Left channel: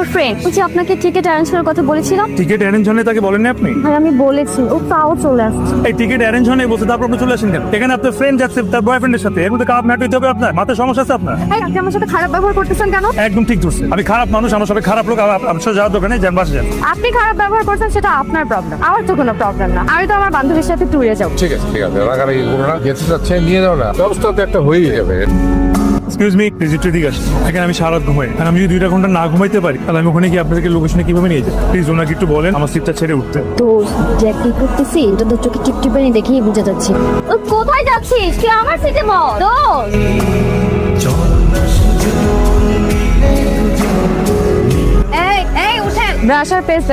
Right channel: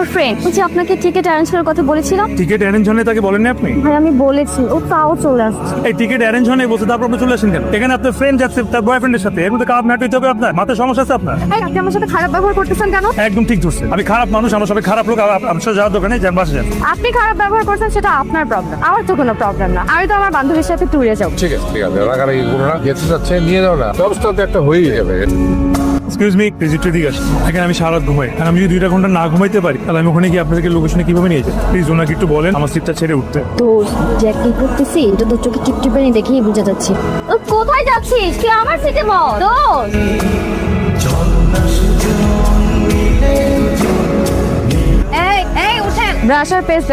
আমার ফ্রেন্ড যে আপনাকে টিকিট অ্যারেঞ্জ করার কথা বলেছিলাম। টিকিট অ্যারেঞ্জ হলে তাকে বলেননি আপনি? আর আমি বলেছি, ও তাও চলে আসছে। এই টিকিট অ্যারেঞ্জ হলে বলতে তারপর আপনি চলে আসেন কেন? এখানে আপনার ফ্রেন্ড যাচ্ছে তার বয়ফ্রেন্ডের সাথে, এর মধ্যে কাপ ম্যাট হইতে হবে আপনার? মাথায় সমস্যা আছে আপনার? এই আপনি আমার সাথে খারাপ ব্যবহার করতেছেন কেন? একদম ঠিক ধরছে। আমি খারাপ মানুষ, আমার সাথে খারাপ লোক, আমার সাথে যাওয়ার দোকানে যান, বাসে যান। আপনি খারাপ ব্যবহার করছেন সেটা আপনার প্রবলেম, আমার তো কোনো প্রবলেম না। আমি তো আমার বান্ধবীর সাথে ট্যুরে যাবো। ঠিক আছে রাগারাগি করো না, যেতে যাচ্ছে নিয়ে যাও না, ব্যবস্থা তো একটা হয়েই যাবে। এক্সকিউজ মি, প্লিজ একটু ঠিক আছে। এখানে আমি সারা রাত ঘুমাই, আর আমি যদি 2 ঘন্টা না ঘুমাইতে পারি তাহলে আমি ওখানে গিয়ে আপনাদেরকে লোকেশনে কিভাবে নিয়ে যাই? প্লিজ ওনাকে একটু বলেন আমার সিটটা ছেড়ে উঠতে। তো যে কি করতেছি এটা তো চোখে টিপটিপে দেখেই বুঝে যাচ্ছে। কোথায় যাচ্ছিস? কি আমার সিটে বল। চল না সুজন মিলে দুজন। এই এই উঠেন, ব্রাশ আর পেস্ট।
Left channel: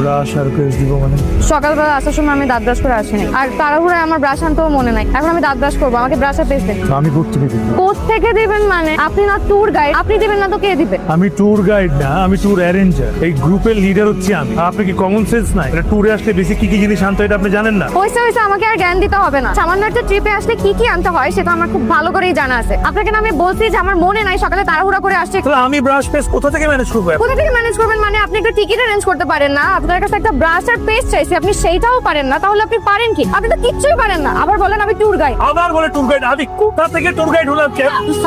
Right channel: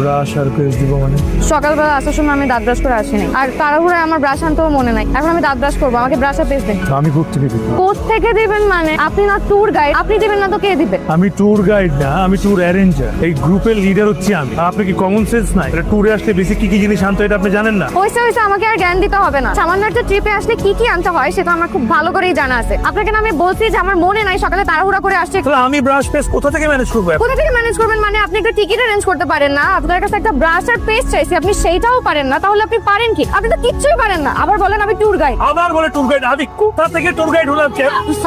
ব্রাশ আর পেস্ট দিব মানে? সকালবেলা আসার সময় আমি দাঁত ব্রাশ করে আসিনি, আর তাড়াহুড়ে আমার ব্রাশ আনতেও মনে নাই। এখন আমি দাঁত ব্রাশ করবো, আমাকে ব্রাশ আর পেস্ট দেন। আমি গ্রুপ থেকে দিব। কোত্থেকে দিবেন মানে? আপনি না ট্যুর গাইড, আপনি দিবেন না তো কে দিবে? আমি ট্যুর গাইড না, আমি ট্যুর অ্যারেঞ্জার। এই গ্রুপের লিডার হচ্ছি আমি। আর আপনি কি কমন সেন্স নাই? এটা ট্যুরে আসলে বেশি কি কি জিনিস আনতে হয় এটা আপনি জানেন না? হয়েছে আমাকে আর জ্ঞান দিতে হবে না। সামান্য একটা ট্রিপে আসলে কি কি আনতে হয় সেটা আমার খুব ভালো করেই জানা আছে। আপনাকে না আমি বলছি যে আমার মনে নাই, সকালে তাড়াহুড়া করে আসছে। তাহলে আমি ব্রাশ পেস্ট কোথা থেকে ম্যানেজ করবো? কোথা থেকে ম্যানেজ করবেন মানে? আপনি একটা টিকিট অ্যারেঞ্জ করতে পারেন না? আপনার কাছে একটা ব্রাশ আর পেস্ট চাইছি, আপনি সেইটাও পারেন না। তাহলে আপনি পারেন কি? আপনি তো কিচ্ছুই পারেন না, আবার বলেন আমি ট্যুর গাইড। আবার বলে ট্যুর গাইড? আমি কোথা থেকে ট্যুর গাইড হলাম?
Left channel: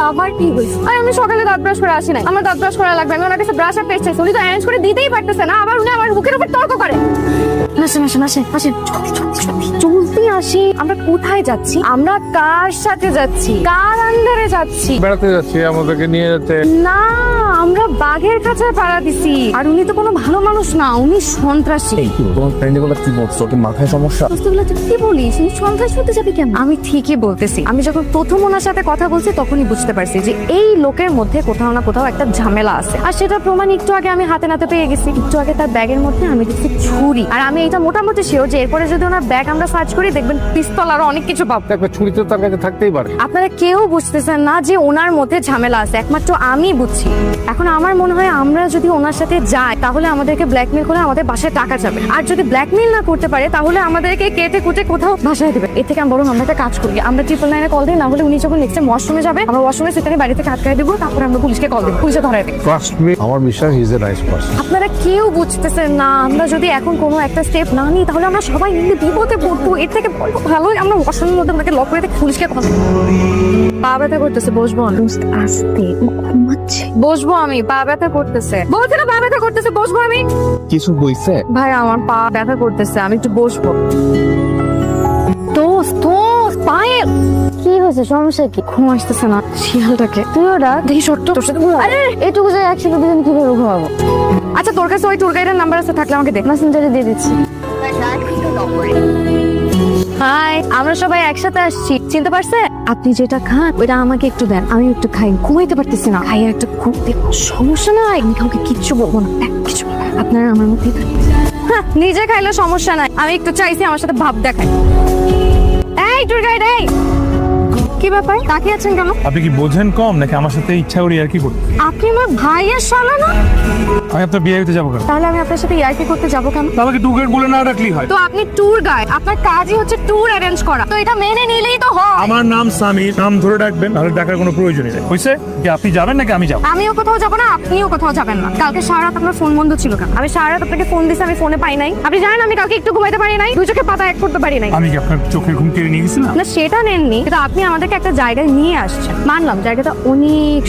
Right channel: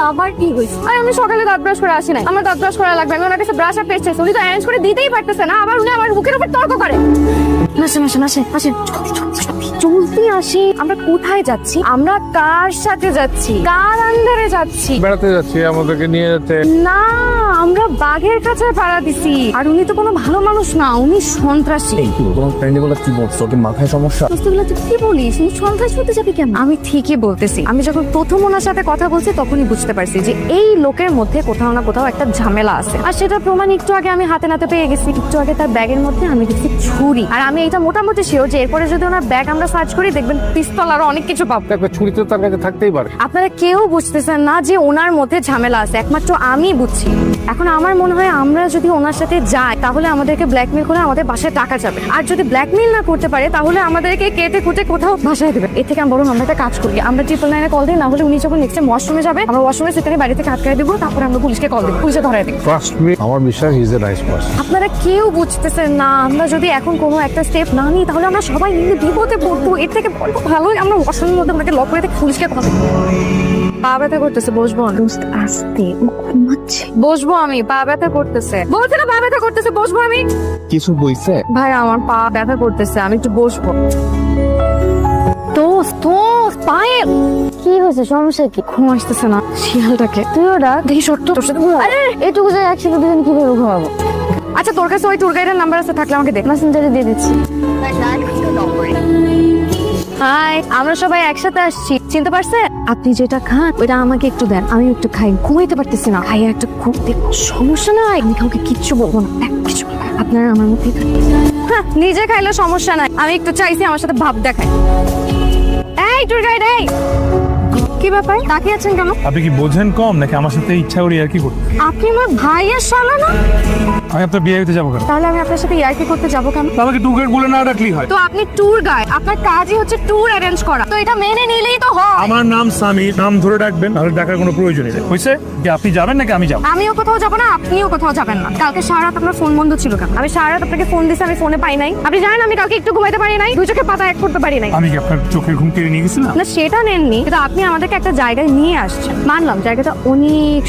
আবার কি হয়েছে? আমি সকালে দাঁত ব্রাশ করে আসি নাই, আমার দাঁত ব্রাশ করা লাগবে। আমি ওনার কাছে ব্রাশ আর পেস্ট চাইছি, উনি তো অ্যারেঞ্জ করে দিতেই পারতেছে না, আবার উনি আমার বুকের উপর তর্ক করে। চলতে আসি। আমরা কোথায় যাচ্ছি? আমরা কার সাথে যাচ্ছি? কার আন্ডারে যাচ্ছি? বেড়াতে যাচ্ছি, আমাদেরকে নিয়ে যেতে। না, আমরা বাঘের কাছে পাড়া দিছি। আর উনি তো কোনো ভালো মানুষ না, উনি সন্ত্রাসী। তোমার ফ্রেন্ড গুলো কি বলছো? তোর মাথায় সমস্যা? এগুলো তুই কি বলিস? উনি সন্ত্রাসী হতে যাবে কেন? আমি ঠিকই বলতেছি। আমি যখন প্রথম ওনার সাথে কথা বলছি তখনই বুঝতে পারছি যে এই লোকের মধ্যে কোথাও না কোথাও একটা ঝামেলা আছে। আর সেটা প্রমাণ একটু আগে আমি হাতে নাতে পেয়ে গেছি। একটু আগে তার ব্যাগের মধ্যে আমি দেখছি ছুরি। আর আমি এটা মোটামুটি শিওর যে এরপরে যদি ওনার ব্যাগ আমরা সার্চ করি দেখবেন পিস্তল আরো অনেক কিছু পাবো। ছুরি তো তার কাছে থাকতেই পারে। আপনারা কেউ বুঝতেছেন না যে ওনার মধ্যে ঝামেলা আছে, একমাত্র আমি বুঝছি। এখন আমার মনে হয় আমরা যদি ওনার সাথে যাই তাহলে আমাদেরকে ব্ল্যাকমেল করে আমাদের বাসায় টাকা যাবে। আর যদি ব্ল্যাকমেল না করতে পারে তাহলে আমাদেরকে কেটে কুটে কোথাও ভাসায় দেবে। এর থেকে বরং আমরা একটা কাজ করি, আমরা 999 কল দিই। না হলে উনি যখন নেক্সট টাইম ওয়াশরুমে যাবে, আমরা ওয়াশরুমে সেখানে বাড়ি থেকে আটকায় দেবো, তারপর আমরা পুলিশকে কল দেবো, পুলিশে ধরায় দেবো। ট্রাস্ট মি, আমার বিশ্বাস ইজ এ নাইস পারসন। আপনারা কেউ বুঝতেছেন না। আমরা যদি এখন কোনো একটা স্টেপ না নিই তাহলে আমরা সবাই মিলে বিপদে পড়বো। এর থেকে ভালোই আমরা ওয়াশরুমের মধ্যে আমাকে লক করে থেকে পুলিশকে কল দেবো। পা ব্যথা করতেছে, বসবো। আস্তে বসবো আমি, পা ব্যথা করতেছে। বলছে না পা ব্যথা করতেছে, বসবো আমি। কিছু বইছে? ভাই আমার পা ব্যথা করতেছে, আমি একটু বসবো। দোস্ত পায়েল কি হয়েছে? সমস্যা কি? ঘুম আসতেছে না শিয়ালটাকে। তুই ওরা দেখি সত্য তোর সাথে ঘুম। আরে এটুকু জায়গা একসাথে দুজন কিভাবে ঘুমাবো? আচ্ছা তোর কাছে ওই ট্যুর গাইডের নাম্বার আছে, থাকলে আমাকে দেখ। মেসেঞ্জারে দিয়ে দিচ্ছি। হাই, আমরা সবাই একসাথে আসছি, চিনতে পারছে? আপনি যেটা খান ওইটা আমাকে একটু দেন, আমি একটু খাই। ঘুমাইতে পারতেছি না, খাই একটা খুব সমস্যা নাই, আমি কাউকে কিচ্ছু বলবো না। কিছু আপনারা আমার মধ্যে নিজে খাইলে সমস্যা নাই, আমি একটু চাইছি আমার সাথে ভাব দেখায়। এই ট্যুর গাইড, এই কি ব্যাপার? তাকিয়ে আছেন কেন? আপনি কি বোঝেন কম নাকি আমার সাথে ইচ্ছা করি আর কি করতে? আপনি আমার ভাইয়ের শালা না? আমি আপনার বিয়ে হইতে যাবো কেন? তাহলে আমি আপনার সাথে ইয়ার্কি করতে যাবো কেন? আমাকে ট্যুর গাইড বলে না ডাকলেই হয়। তো আপনি ট্যুর গাইড, আপনার কাজই হচ্ছে ট্যুর অ্যারেঞ্জ করা, তো এটা মেনে নিলেই তো হয়। আমার নাম সামি, নাম ধরে ডাকবেন, তাহলে ডাকার কোনো প্রয়োজন নেই। হয়েছে কি আপনি যাবেন নাকি আমি যাবো? আমিও কোথাও যাবো না, আপনিও কোথাও যাবেন না। কালকে সারা রাত আপনার ফোন বন্ধ ছিল কেন? আমি সারা রাত আপনাকে ফোন দিছি, আমি ফোনে পাই নাই। আপনি জানেন আমি কালকে একটু ঘুমাইতে পারি নাই, দু চোখে পাতা এক করতে পারি নাই। আমি কি আপনার চোখের ঘুম কেড়ে নিয়ে গেছিলাম? না সেটা নেননি, কিন্তু আপনি আমাদেরকে একটা জায়গায় নিয়ে আসছেন। মানলাম জায়গাটা অনেক